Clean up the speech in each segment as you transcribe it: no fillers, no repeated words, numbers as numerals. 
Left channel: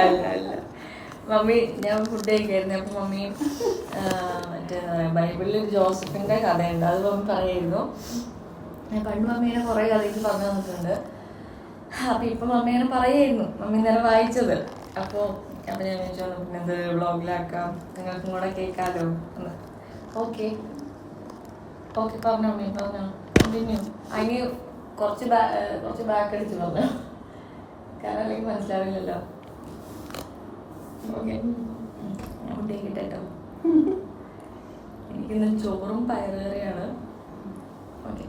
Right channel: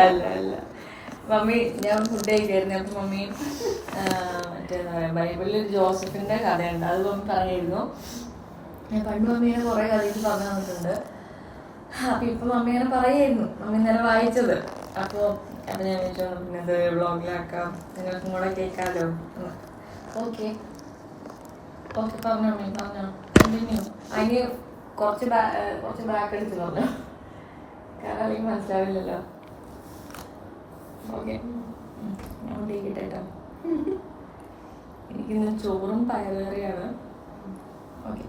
അല്ല മമ്മി ഞാൻ ഫുഡ് കഴിക്കായിരുന്നു. അപ്പൊ മമ്മി മറ്റേന്താ പറയാ ബൈബിളിൽ ജോസഫിന്റെ കഥയുണ്ട്, അത് മമ്മി പറയായിരുന്നു. പണ്ട് മമ്മി ഇങ്ങനെ കുറെ കഥയ്ക്ക് പറഞ്ഞു തന്നിട്ടുണ്ട്. അപ്പൊ ഇപ്പൊ മമ്മി ഇങ്ങനെ പറയായിരുന്നു, മമ്മി ഇന്നലെ വായിച്ചത്. അപ്പൊ ഞാൻ ചോദിച്ചു പിന്നെ എന്ത് വ്ളോഗിലാക്കാം, നിങ്ങൾക്കും കൂടെ കേൾക്കാലോ എന്ന്. ഓക്കെ പറഞ്ഞോ മമ്മി, പറഞ്ഞോ, കണ്ടിന്യൂ. അതിന് കുറച്ച് ബാക്ക് അടിച്ച് പറഞ്ഞോ, കാരണം അല്ലെങ്കിൽ മനസ്സിലാവില്ലല്ലോ. ഓക്കെ, ഞാൻ കൊണ്ടേക്കിട്ടെ കേട്ടോ. എനിക്കിന്ന് ചോറും പയറുകറിയാണ്. ഓക്കെ,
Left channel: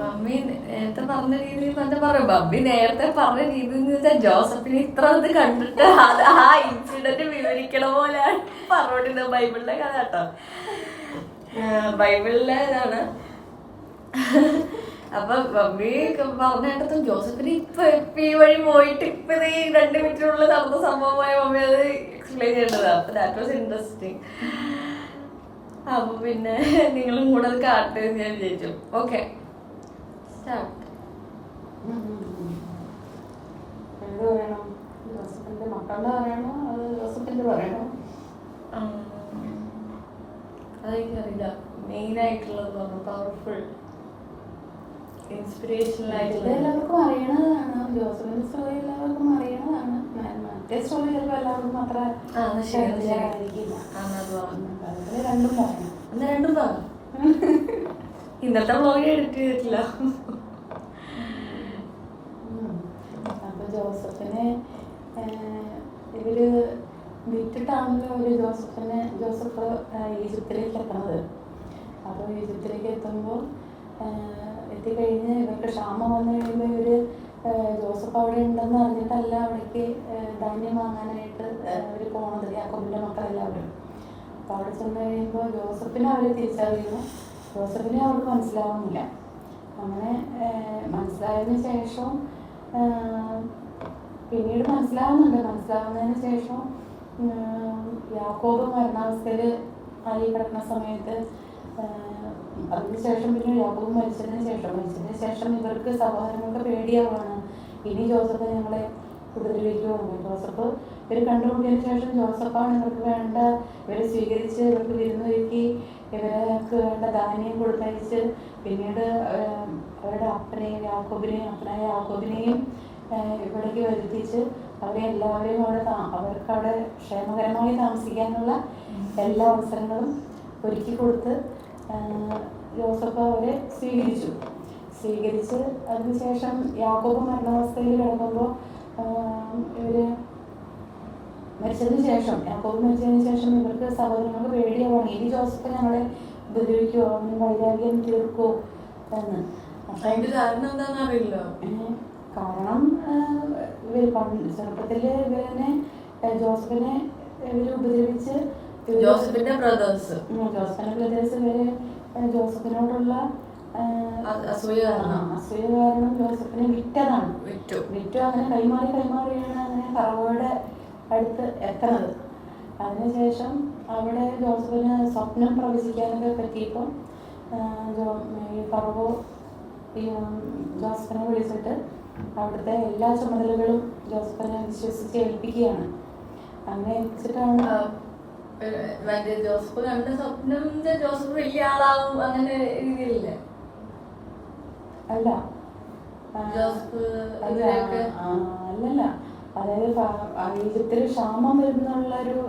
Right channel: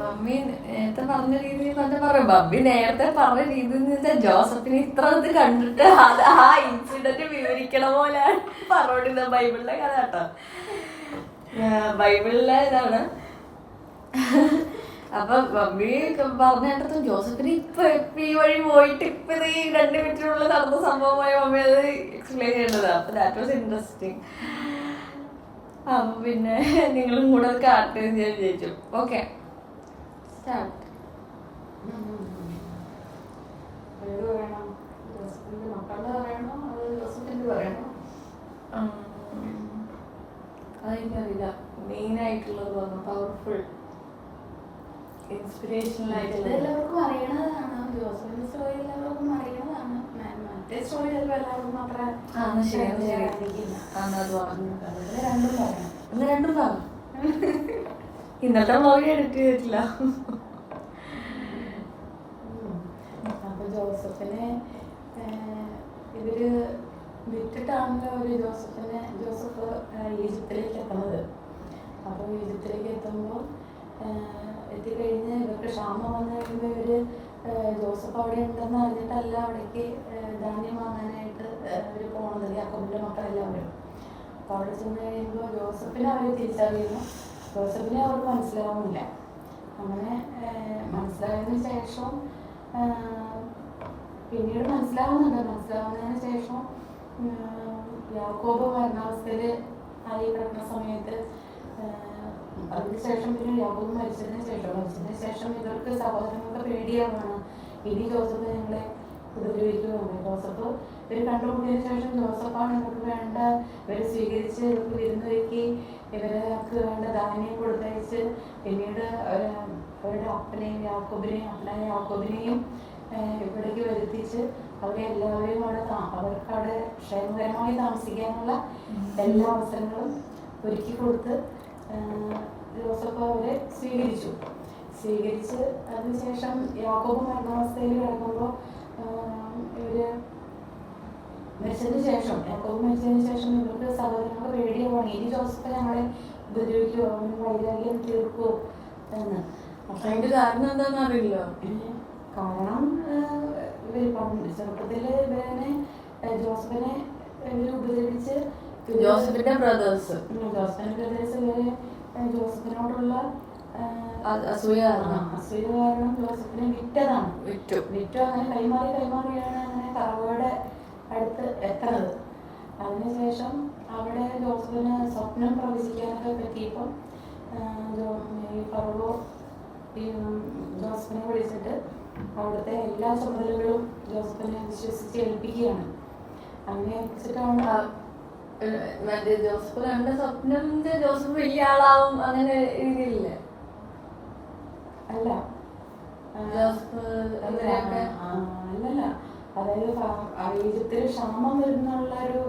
മമ്മി നേരത്തെ പറഞ്ഞ രീതിയിൽ പറയും. മമ്മി നേരത്തെ പറഞ്ഞ രീതി എന്ന് വെച്ചാൽ ജോസഫിന് ഇത്ര ഇത് കണ്ടിട്ട് അത് ആ ഇൻസിഡന്റ് വിവരിക്കണ പോലെയാണ് പറഞ്ഞോണ്ടിരുന്നത്. ബൈബിളിലെ കഥ കേട്ടോ, ബൈബിളിലെ ഇതാണ്. അപ്പൊ മമ്മി പറഞ്ഞിട്ടും ജോസഫിന് ഇപ്പൊ ഈ വഴി പോയിട്ട് ഇപ്പൊ ഇത് ഈ 2 മിനിറ്റിനുള്ളിൽ നടന്ന സംഭവമായ മമ്മി അത് എക്സ്പ്ലെയിൻ ചെയ്യേണ്ടതാണ്. അപ്പൊ ദാറ്റ് വാസ് ഇൻട്രസ്റ്റിംഗ്. അപ്പൊ പിന്നെ നിങ്ങളും കൂടെ അത് കാട്ടെ എന്ന് ഞാൻ വിചാരിച്ചു. Okay, start. അതെനിക്കറിയില്ല. മെയിൻ ആയിട്ടുള്ളത് പറഞ്ഞു, പവർഫുൾ ഇൻസ്പിറേഷണൽ ആയിട്ടുള്ള എല്ലാവർക്കും അറിയണതാണ്. ജോസഫിന്റെ സ്റ്റോറി എല്ലാവർക്കും അറിയണതാണ്. മറ്റേ സ്റ്റോറി ചിലപ്പോൾ എല്ലാവർക്കും അത്ര രണ്ടും പറഞ്ഞു. ഇന്നത്തെ വ്ളോഗ് എഡിറ്റ് ചെയ്തിട്ടില്ല. അപ്പൊ ജോസഫിനെ ഇവര് വിട്ടിട്ടാണല്ലോ ഒരു ജോസഫ് ഈജിപ്തിലേക്ക് എത്തണത്. അപ്പോൾ ഈജിപ്തിലേക്ക് എത്തുമ്പോൾ എത്തിക്കഴിഞ്ഞ് ഇവർക്ക് ക്ഷാമം വന്നു കഴിയുമ്പോൾ ഇവര് ജോസഫ് അവിടെ ഉണ്ടെന്ന് അറിഞ്ഞിട്ടല്ല അവിടേക്ക് ധാന്യം വാങ്ങാനായിട്ട് അവർ പോണത്, യാക്കോബിന്റെ മക്കളെല്ലാവരും. അപ്പോൾ അവിടെ ചെന്ന് കഴിയുമ്പോൾ ജോസഫിനെ അവർ തിരിച്ചറിയുന്നു. ജോസഫിനെ അവർക്ക് മനസ്സിലാവുന്നില്ല. അങ്ങനെ മനസ്സിലായതിനു ശേഷം പിന്നീട് മനസ്സിലാവുന്നതിന് ശേഷം യാക്കോബ് മരണാവസ്ഥയിൽ ആയി കിടക്കുന്ന സമയത്ത് അതിനുശേഷം പിന്നെ യാക്കോബ് മരിച്ചതിന് ശേഷം ഇവർക്ക് സഹോദരങ്ങൾക്ക് പേടിയാവാണ്, ഇനി ജോസഫ് ഞങ്ങളെ ഉപദ്രവിക്കുവാണ്. ജോസഫ് ഇവർ കണ്ടുമുട്ടിയതിന് ശേഷം ജോസഫാണ് ഇവർക്ക് വേണ്ട, ഇവരെ സ്വീകരിച്ച് ഇവർക്ക് വിരുന്നൊരുക്കി ഇവർക്ക് വേണ്ട ധാന്യം കൊടുത്തയച്ച് പിന്നീട് അവരുടെ അപ്പനായ യാക്കോബിനെയും ഇവിടേക്ക് വരുത്തിച്ച് അവരെ എല്ലാവരെയും അവർക്ക് അവിടെ ക്ഷേമകരമായി താമസിക്കാനുള്ള എല്ലാ അവസരങ്ങളും ഒരുക്കി കൊടുത്ത് ജോസഫ് അവരെ സ്വീകരിച്ച് അതിനുശേഷം യാക്കോബ് മരണാവസ്ഥയിൽ കിടക്കുമ്പോൾ യാക്കോബ് മരിച്ചതിന് ശേഷം ഇവർക്ക് സഹോദരങ്ങൾക്ക് പേടിയാവാണ്, ഇനി ജോസഫ് ഞങ്ങളെ ഉപദ്രവിക്കുമോ, വൈരാഗ്യം തീർക്കുമോ എന്ന്. അതിന്റെ കാരണം എന്താണെന്ന് അറിയില്ല. കാരണം ഇവർ ചെറുപ്പത്തിൽ ഇവരെന്നെ ജോസഫിനെ ഇവർ ഉപദ്രവിച്ച് ജോസഫിന്റെ ബ്രദേഴ്സ് ഇവരെ ജോസഫിനോടുള്ള അസൂയ കാരണം ജോസഫിനെ വിറ്റു. അങ്ങനെ കൈമാറിയാണ് അങ്ങനെ ഫറവോയുടെ അടുത്ത് എത്തണത്. അതിനുശേഷം അവിടെ ജോസഫിന് സ്വപ്നം പ്രവചിക്കാനൊക്കെ പറ്റിയപ്പോൾ ഈ ഫറവോ ജോസഫിനെ വിളിച്ചിട്ട് അവിടുത്തെ എല്ലാ ചുമതലകളും ജോസഫിനെ വിശ്വസിച്ച് ഏൽപ്പിക്കുകയാണ്. അങ്ങനെ ഏൽപ്പിച്ചിട്ടാണ് മറ്റേ ജോസഫ് കണ്ട സ്വപ്നം ജോസഫ് വലിയ ആളാവും അങ്ങനെ രീതിയില്ലേ? അല്ല, അല്ലല്ല. അതായത് ഈജിപ്തിൽ ക്ഷാമം വരുന്നുള്ളൊരു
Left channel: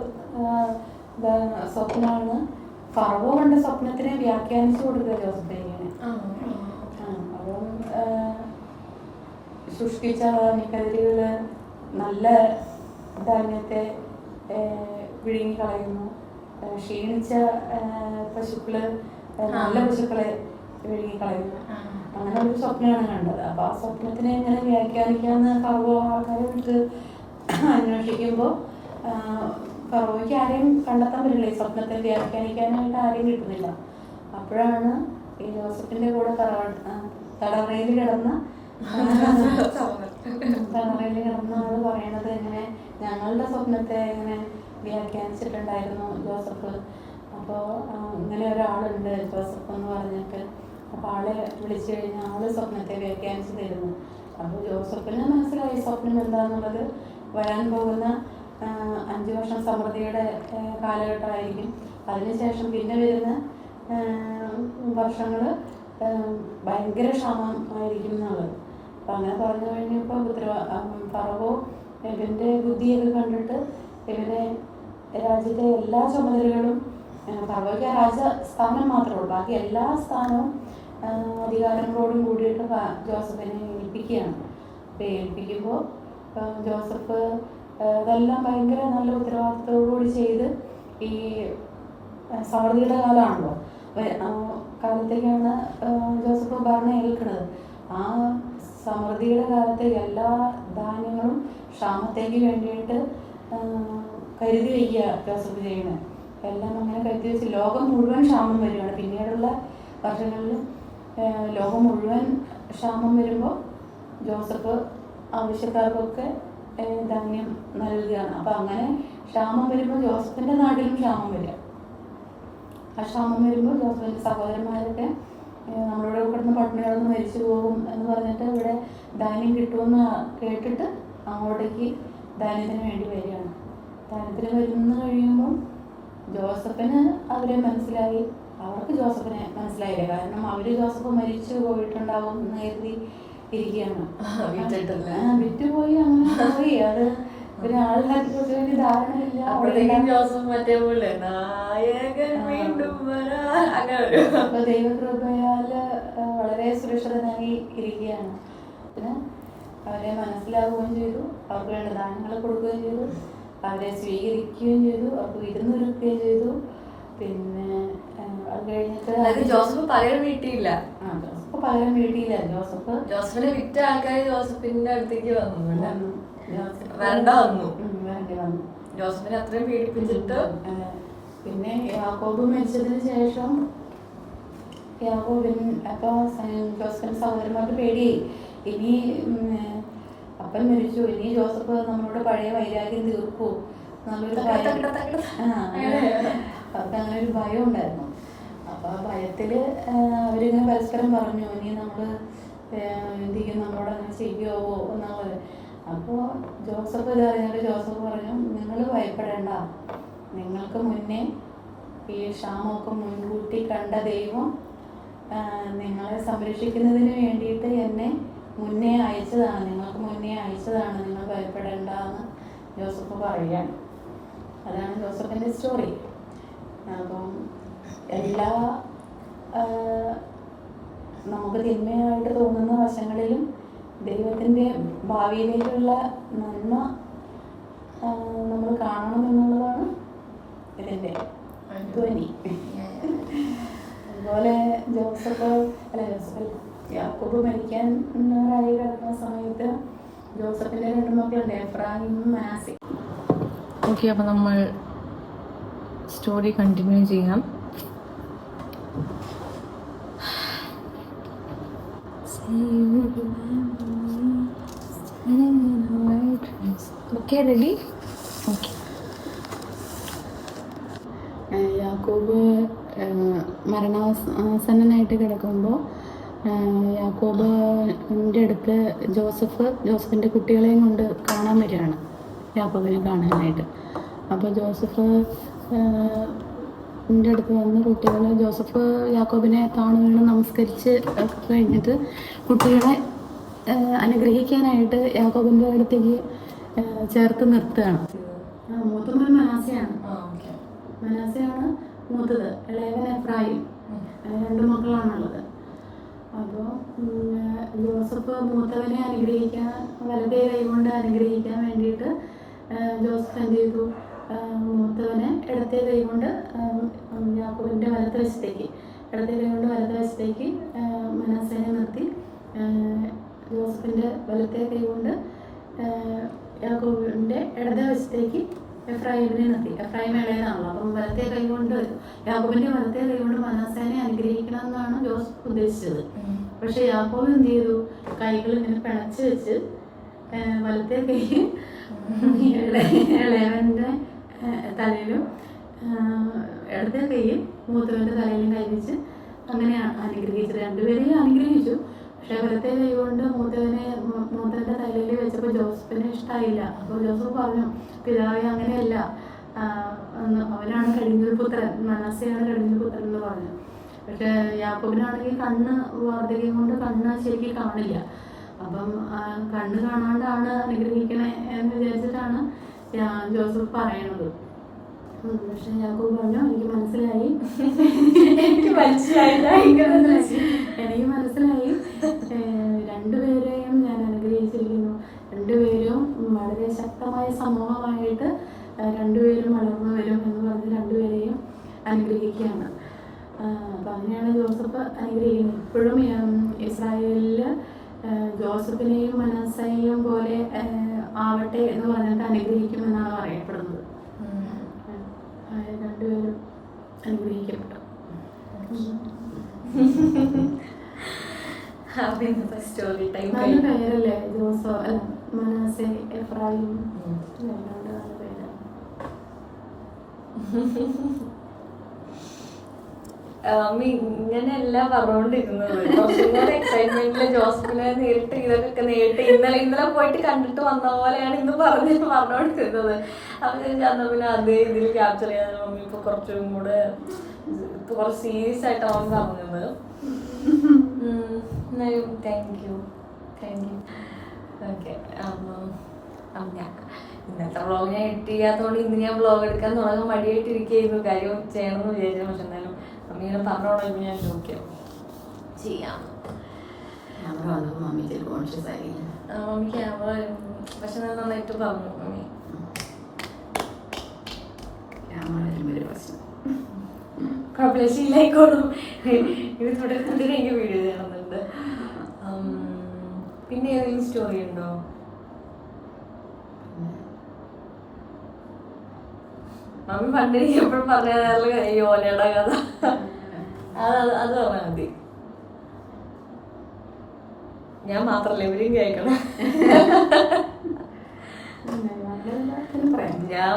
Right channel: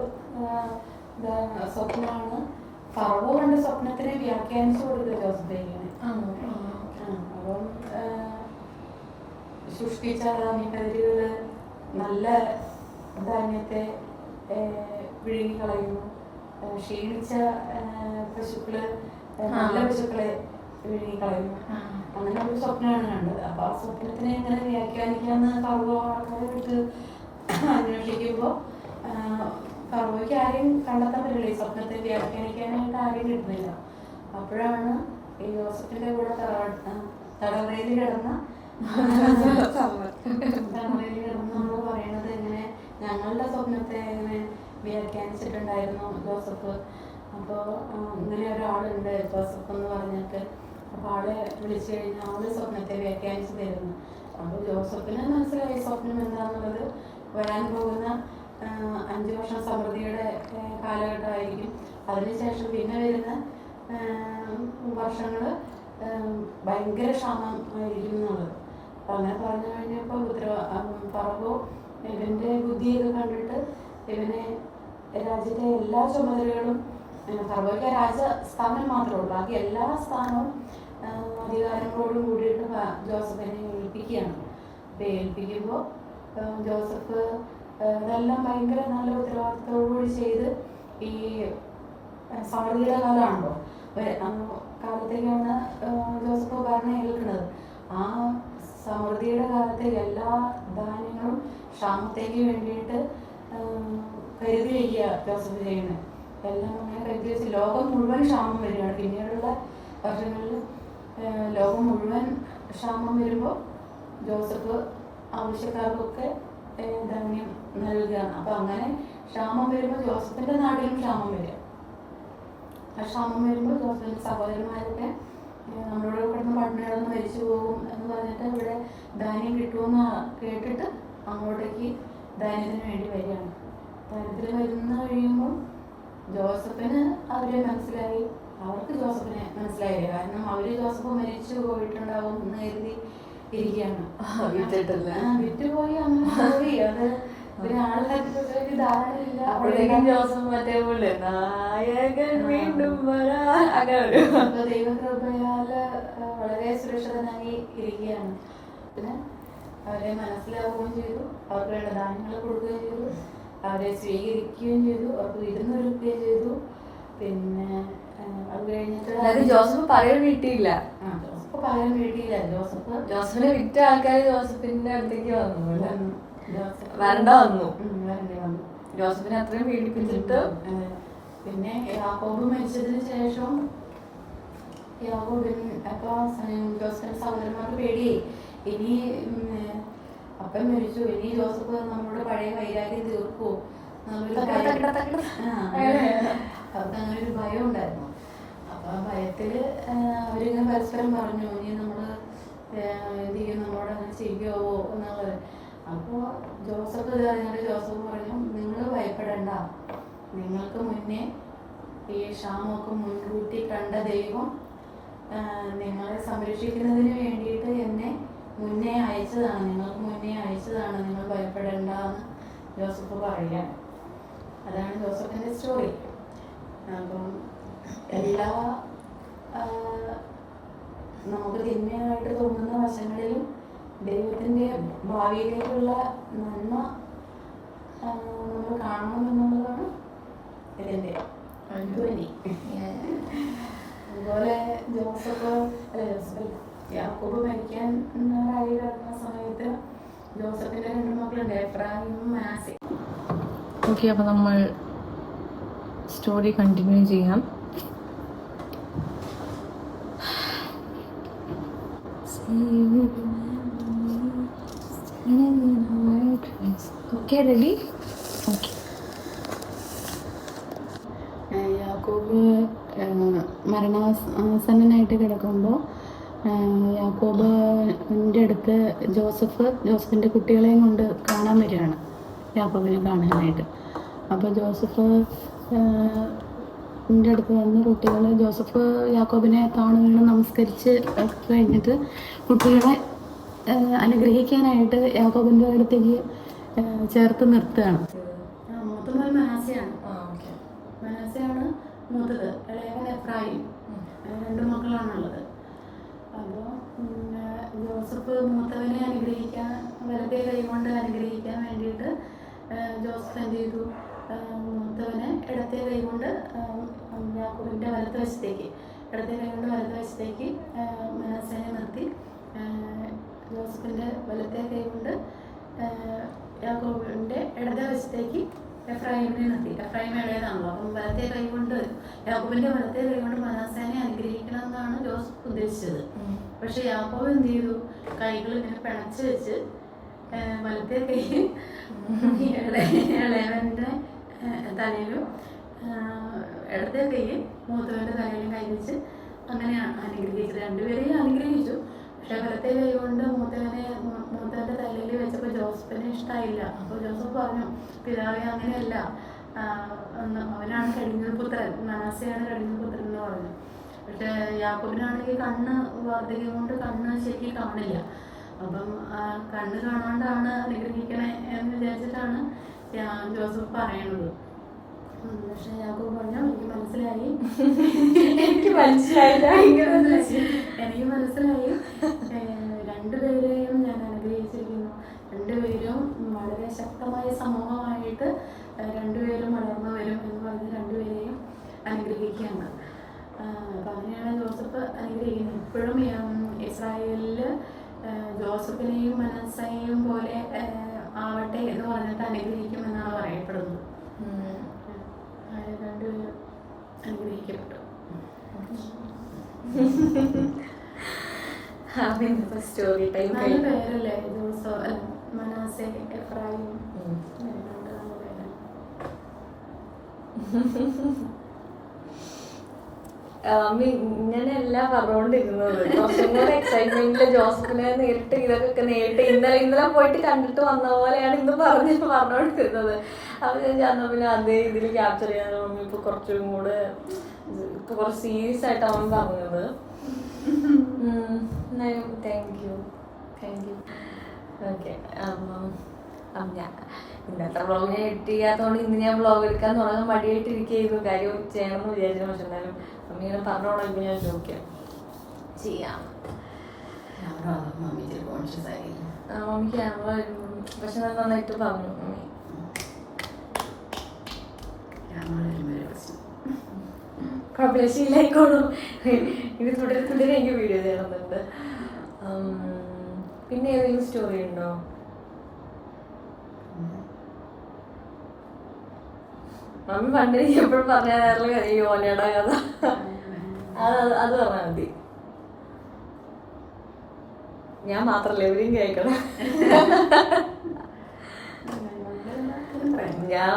സ്വപ്നമാണ്. ഫറവോ കണ്ട സ്വപ്നത്തിനെ വ്യാഖ്യാനിച്ചു കൊടുക്കുക ജോസഫിന്. അപ്പം സൃഷ്ടിച്ച ധാന്യക്കതിരുകള് നല്ല ധാന്യത്തെ വിഴുങ്ങി കളയുന്നു, ക്ഷീണിച്ച പശുക്കള് നല്ല പശുക്കളെ വിഴുങ്ങി കളയുന്നു. അങ്ങനെ ഒരു സ്വപ്നമാണ് കണ്ടത്. അപ്പൊ ആ സ്വപ്നത്തിനെ എങ്ങനെ വ്യാഖ്യാനിക്കാമെന്ന് ഫറവോ ആൾക്കാരെ വിട്ട് അന്വേഷിക്കുമ്പോൾ ഫറവോയ്ക്ക് ആരെയും കണ്ടെത്താൻ പറ്റില്ല, ഈ സ്വപ്നത്തെ വ്യാഖ്യാനിക്കാനായിട്ട് ആരെയും കിട്ടുന്നില്ല. അപ്പോഴാണ് ഈ ജോസഫിന്റെ കൂടെ തടവറയിൽ കിടന്ന ആള് പറയണത്, ഇങ്ങനെ ഞങ്ങളുടെ സ്വപ്നത്തെ ഇങ്ങനെ വ്യാഖ്യാനിച്ചിട്ടുണ്ടായിരുന്നു ജോസഫ്. അപ്പോൾ ഇങ്ങനെ ഒരാളുണ്ട് ജോസഫ് എന്ന് പറഞ്ഞിട്ട്. അപ്പോൾ ആളെ വിളിച്ചു കഴിഞ്ഞാൽ ആള് സ്വപ്നത്തെ വ്യാഖ്യാനിച്ച് തരുന്നു. അപ്പോൾ ജോസഫിന് മനസ്സിലായി സ്വപ്നം എന്താണെന്നുള്ളത്. വരാൻ പോകുന്ന 5 വർഷം സമൃദ്ധിയുടെ കാലഘട്ടമായിരിക്കും. അതിനുശേഷം പിന്നെ വരുന്ന വർഷങ്ങൾ ഭയങ്കര ക്ഷാമം ആയിരിക്കും എന്നുള്ളത്. അപ്പം അങ്ങനെ പറഞ്ഞു കഴിഞ്ഞപ്പോൾ ഫറവോ ഇവൻ്റെ ബുദ്ധിയൊക്കെ കണ്ടിട്ട് ഇവനെ രാജ്യത്തെ എല്ലാ ചുമതലകളും, ഫറവോയ്ക്ക് ആ രാജസ്ഥാനം മാത്രമേ ഉള്ളൂ, ബാക്കി എല്ലാ സ്ഥാനവും അധികാരങ്ങളോടും കൂടിയിട്ട് ജോസഫിനെ ഏൽപ്പിക്കുകയാണ്. അപ്പോൾ ഏൽപ്പിക്കുമ്പോൾ ജോസഫ് അതെല്ലാം ഭയങ്കര നല്ല ഉത്തരവാദിത്തത്തോടുകൂടി ചെയ്ത്, ഈ സമൃദ്ധിയുടെ കാലമാണല്ലോ, കാലത്തേക്കാണ് ജോസഫ് ഭരണം ഏൽക്കുന്നത്. ആ സമൃദ്ധിയുടെ കാലത്തെ എല്ലാ ധാന്യങ്ങളും ക്ഷാമത്തേക്ക് വേണ്ടിയിട്ട് കരുതി വയ്ക്കുക ജോസഫ് ചെയ്യണേ. എല്ലാം അങ്ങനെ കരുതി വെച്ച് ലോകം മുഴുവൻ ക്ഷാമം വരികയാണ്. പിന്നീടുള്ള വർഷങ്ങളിൽ ലോകം മുഴുവൻ ക്ഷാമം വരുമ്പോൾ ജോസഫ് ആവശ്യക്കാർക്കൊക്കെ ധാന്യം നൽകുകയാണ്. അപ്പം അങ്ങനെ ക്ഷാമം വരുമ്പോൾ ജോസഫിൻ്റെ നാട്ടിലും ക്ഷാമം വരിക. ആ ക്ഷാമം വരുമ്പോൾ ജോസഫിൻ്റെ സഹോദരന്മാരൊക്കെ നമ്മളിവിടെ കിടന്ന് പട്ടിണികളൊന്ന് മരിച്ചു പോകും എന്ന് പറഞ്ഞിട്ട് ഇവിടെ ധാന്യം കിട്ടുമെന്ന് കേട്ടിട്ട് അങ്ങോട്ടേക്ക് ധാന്യത്തിന് വേണ്ടി വരികയാണ്. ധാന്യത്തിന് വരുന്ന കഴിയുമ്പോൾ ജോസഫിന് അവരെ മനസ്സിലായി, അവർക്ക് ജോസഫിനെ മനസ്സിലായില്ല. കാരണം അവർ ജോസഫ് മരിച്ചു പോയിട്ടുണ്ടാവും എന്ന് കരുതി ഇരിക്കുകയാണ്. വിറ്റുപോയി അങ്ങനെ പോയി. അത് പിന്നെ ആൾക്കാർക്ക് ജോസഫിന് ധാരണയില്ല. ജോസഫ് മറ്റേ പോലെ നായകൻ വീണ്ടും അപ്പൊ ദൈവകൃപയാല് വളരെ സുരക്ഷിതനായി ഇരിക്കുകയാണ്. പിന്നെ അവരെ മനസ്സിലാവുകയും ചെയ്തു, അവർക്ക് വേണ്ട ധാന്യങ്ങൾ കൊടുക്കുകയും ചെയ്തു, അവരെ സ്വീകരിക്കുകയും ചെയ്തു, അവർക്ക് വിരുന്നൊരുക്കുകയും ചെയ്തു. പിന്നെ അത് കഴിഞ്ഞിട്ട് ജോസഫ് പകരം വീട്ടിയില്ല. ജോസഫ് പകരം വീട്ടിയില്ല. ജോസഫിനെ വിറ്റ ആൾക്കാര് ജോസഫിന്റെ അടുത്തേക്ക് വന്നു. വരണ്ട വന്നു. ജോസഫിനെ അത്രയും പീഡിപ്പിച്ചിട്ട്. പിന്നെ യാക്കോബ് മരിച്ചതിന് ശേഷം അപ്പൊ ജോസഫിന്റെ സഹോദരന്മാർക്ക് പേടിയായി. ഇനി അപ്പൻ മരിച്ചു, ഇനി ജോസഫ് നമ്മളോട് പഴയ വൈരാഗ്യം തീർക്കൂ നല്ലൊരു അവർക്ക് അങ്ങനെ ഒരു ഭയം ഉണ്ടായിരുന്നു. അപ്പൊ ആ ഭയത്തില് അവരിങ്ങനെ പരസ്പരം പറഞ്ഞു, ഇനി നമ്മള് എന്ത് ചെയ്യും, നമ്മളോട് അങ്ങനെ ചെയ്യുമോ എന്നുള്ളത്. അപ്പോൾ ജോസഫ് ഇത് അറിഞ്ഞിട്ട് ജോസഫ് പറഞ്ഞു, നിങ്ങൾ ഭയപ്പെടേണ്ട, നിങ്ങൾക്ക് മുന്നേ ഈ ക്ഷാമമൊക്കെ മുൻകൂട്ടി കണ്ട ദൈവം നിങ്ങളെ സംരക്ഷിക്കുന്നതിന് വേണ്ടിയിട്ട് എന്നെ മുന്നേ അയച്ചതാണ്, നിങ്ങൾക്ക് മുന്നേ അയച്ചതാണ്, നിങ്ങൾ ഭയപ്പെടേണ്ട എന്ന് ജോസഫ് പറയുകയാണ്. അതാണ് ജോസഫിൻ്റെ സ്റ്റോറി. അപ്പം എല്ലാ നമുക്ക് തിന്മയായിട്ട് തോന്നുന്ന വശങ്ങളിലും ദൈവത്തിൻ്റെ ഭാവിയിലേക്കുള്ള നന്മ നമ്മൾ കാണണം എന്നുള്ളതാണ് ഇതിൻ്റെ ധ്വനി. അതുപോലെ യാക്കോബ് മരിക്കാൻ ആയി കിടക്കുന്ന സമയത്ത് ജോസഫിൻ്റെ 2 മക്കളുണ്ട്, എഫ്രായിമും മനാസെ. ഓക്കെ, അപ്പം നമ്മൾ സ്റ്റോറി കണ്ടിന്യൂ ചെയ്യാം. Okay, ready? ഓക്കെ. യാക്കോബ് മരണാസന്നനായിട്ട് കിടക്കുമ്പോൾ യാക്കോബിൻ്റെ അടുത്ത് ജോസഫിൻ്റെ കുട്ടികളെയും കൊണ്ട് കാണാൻ വരികയാണ്, യാക്കോബിനെ കാണാനായിട്ട്. അപ്പോൾ ജോസഫിൻ്റെ അടുത്ത് വന്ന് ജോസഫ് യാക്കോബിനെ താണു വീണ് നമസ്കരിച്ച് കഴിഞ്ഞിട്ട് കുട്ടികളെ അനുഗ്രഹിക്കാനായിട്ട് യാക്കോബിൻ്റെ അടുത്തേക്ക് ചേർത്ത് നിർത്തുകയാണ്. മൂത്ത മോൻ മനാസയാണ് മൂത്തത്, ഇളയവൻ എഫ്രായിം. 2 മക്കളാണുള്ളത്. അപ്പോൾ ജോസഫ് മൂത്തവനെ അനുഗ്രഹിക്കാൻ, വലതേ കൈകൊണ്ട് അനുഗ്രഹിക്കാൻ വേണ്ടിയിട്ട് ജോസഫ് എന്ത് ചെയ്തു, മൂത്തവനെ ഇടത്തെ കൈകൊണ്ട് യാക്കോബിൻ്റെ ഇടത്തെ കൈകൊണ്ട് വലതുവശത്തേക്ക് മനാസേനെ നിർത്തി, ജോസഫിൻ്റെ വലത്തെ കൈകൊണ്ട് യാക്കോബിൻ്റെ ഇടതുവശത്തേക്ക് എഫ്രായിമിനെ നിർത്തി. എഫ്രായിം ഇളയതാണല്ലോ, അപ്പം വലത്തെ കൈകൊണ്ട് യാക്കോബിൻ്റെ വലത്തെ കൈകൊണ്ട് മനാസേനെ അനുഗ്രഹിക്കണം എന്നാണ് ജോസഫ് ഉദ്ദേശിച്ചത്. പക്ഷെ യാക്കോബ് എന്ത് ചെയ്തു, കൈകൾ ഇങ്ങനെ പിണച്ച് വെച്ച് വലത്തെ കൈ ഇളയവൻ്റെ തലയിലും ഇടത്തെ കൈ മൂത്തവൻ്റെ തലയിലും കൈവച്ച് അങ്ങനെ അനുഗ്രഹിച്ചു. രണ്ടുപേരെയും അനുഗ്രഹിച്ചു. പക്ഷെ വലത്തെ കൈ കൊണ്ട് മൂത്തവൻ്റെ തലയിൽ വെച്ചപ്പോൾ ജോസഫിന് ഇഷ്ടമായില്ല. അപ്പോൾ ജോസഫ് പറഞ്ഞു, പിതാവേ അങ്ങനെയല്ല, അവനാണ് കഴിഞ്ഞൊരു പുത്രൻ, മനസ്സെയാണ് കഴിഞ്ഞൊരു പുത്രൻ എന്ന് പറഞ്ഞു. പക്ഷെ യാക്കോബിനാണെങ്കിൽ കണ്ണ് വാർദ്ധക്യം കൊണ്ട് കണ്ണ് ശരിക്കും കാണില്ല. അപ്പം കണ്ണ് കാണാണ്ടാണ് അനുഗ്രഹിക്കണേ എന്ന് വിചാരിച്ചിട്ടാണ് ജോസഫ് പറയണത്. പക്ഷെ യാക്കോബ് പറഞ്ഞു, എനിക്ക് മനസ്സിലായി, എനിക്ക് മനസ്സിലായില്ല, എനിക്ക് മനസ്സിലായി, രണ്ടുപേരെയും ഞാൻ അനുഗ്രഹിച്ചിരിക്കുന്നു. രണ്ടുപേരും വളരെ ശക്തമായ സമൂഹമായിട്ട് രണ്ടുപേരും വളർന്നു വരും എന്ന് പറഞ്ഞ് രണ്ടുപേരെയും അനുഗ്രഹിക്കുകയാണ്. അപ്പം അങ്ങനെയാണ് ജോസഫ് അനുഗ്രഹിക്കുന്നത്. ഇപ്പോഴും ഇസ്രായേലിൽ ജോസഫിനെയും മനസ്സയെയും പോലെ ആവട്ടെ എന്ന് പറഞ്ഞിട്ട് അനുഗ്രഹിക്കുമെന്നാണ് പറയപ്പെടുന്നത്. രണ്ടുപേരും അനുഗ്രഹിക്കപ്പെട്ടു. സ്റ്റോറി ടൈം നല്ല പേരല്ലേ ജോസഫ്, മനസ്സെ, എഫ്രായിം. മമ്മി ഇങ്ങനെയല്ല പറഞ്ഞുകൊണ്ടിരുന്നത്. കുറച്ചും കൂടെ എക്സൈറ്റ്മെന്റില് ജോസഫിനെ നേരിട്ട് ഇതൊക്കെ നേരിട്ട് ഇന്നലെ പോയിട്ട് കണ്ടിട്ട് വന്ന പോലെയാണ് ഇന്ന് പറഞ്ഞുകൊണ്ടിരുന്നത്. അപ്പൊ ഞാൻ ചെന്ന പിന്നെ അതേ ഇതിൽ ക്യാപ്ചർ ചെയ്യാൻ മമ്മി ഇപ്പൊ കുറച്ചും കൂടെ ഇപ്പൊ കുറച്ച് സീരിയസ് ആയിട്ടാണ് മമ്മി പറഞ്ഞത്. Thank you. ഓക്കെ, ഇന്നത്തെ വ്ളോഗ് ഞാൻ എഡിറ്റ് ചെയ്യാത്തതുകൊണ്ട് ഇന്ന് ഞാൻ വ്ളോഗ് എടുക്കാൻ തുടങ്ങാൻ മടിയായിട്ടിരിക്കുന്നു. കാര്യം ചെയ്യണമെന്ന് വിചാരിച്ചു. പക്ഷെ എന്നാലും മമ്മി ഇങ്ങനെ പറഞ്ഞോളാം, ഇപ്പം ഞാൻ ചോദിക്കാം ചെയ്യാം. മമ്മി ക്യാമറ പക്ഷെ ഞാൻ നന്നായിട്ട് പറഞ്ഞു. മമ്മി കുഴപ്പമില്ല, ശീലായിക്കോളും. ഇത് തുടരെ എനിക്ക് വീഡിയോ ചെയ്യണമെന്നുണ്ട്. പിന്നെ ഏതെങ്കിലും സ്റ്റോറി ഉണ്ടോ? മമ്മി പണ്ട് എപ്പോഴും പറഞ്ഞ യോനയുടെ കഥ അത് പറഞ്ഞാൽ മതി. ഞാൻ മാത്രല്ല, ഇവരും കേൾക്കണം. ഞാൻ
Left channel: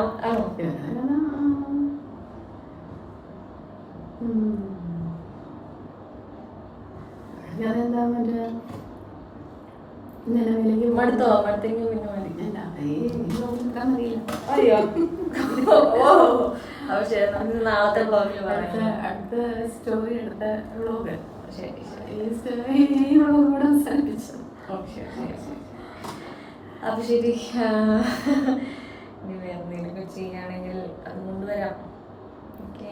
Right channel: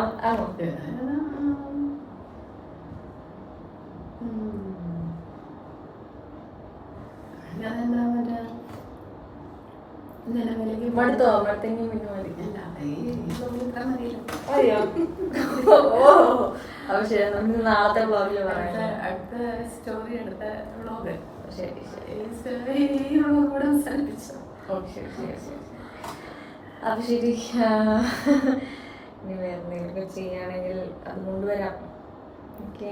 മടുത്തെങ്കിൽ പിന്നെ മതി. അയ്യോ, അപ്പൊ ശരി, നമുക്ക് നാളത്തെ വ്ളോഗിൽ പറയാം. അടുത്ത സ്റ്റോറി, അടുത്ത വ്ളോഗ്. ശരി. അപ്പൊ ശരി, ഇനി വേറെ എന്തെങ്കിലും ചെയ്യുകയാണെങ്കിൽ അത് കൊണ്ടുവരാം. ഓക്കെ,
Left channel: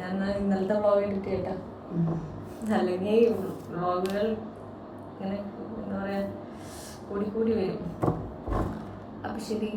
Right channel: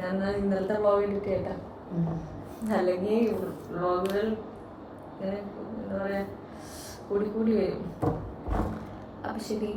ഞാൻ ഇന്നലത്തെ വ്ളോഗ് എഡിറ്റ് ചെയ്യട്ടെ. അല്ലെങ്കിൽ വ്ളോഗുകൾ ഇങ്ങനെ എന്താ പറയാ കൂടി വരും. അപ്പൊ ശരി.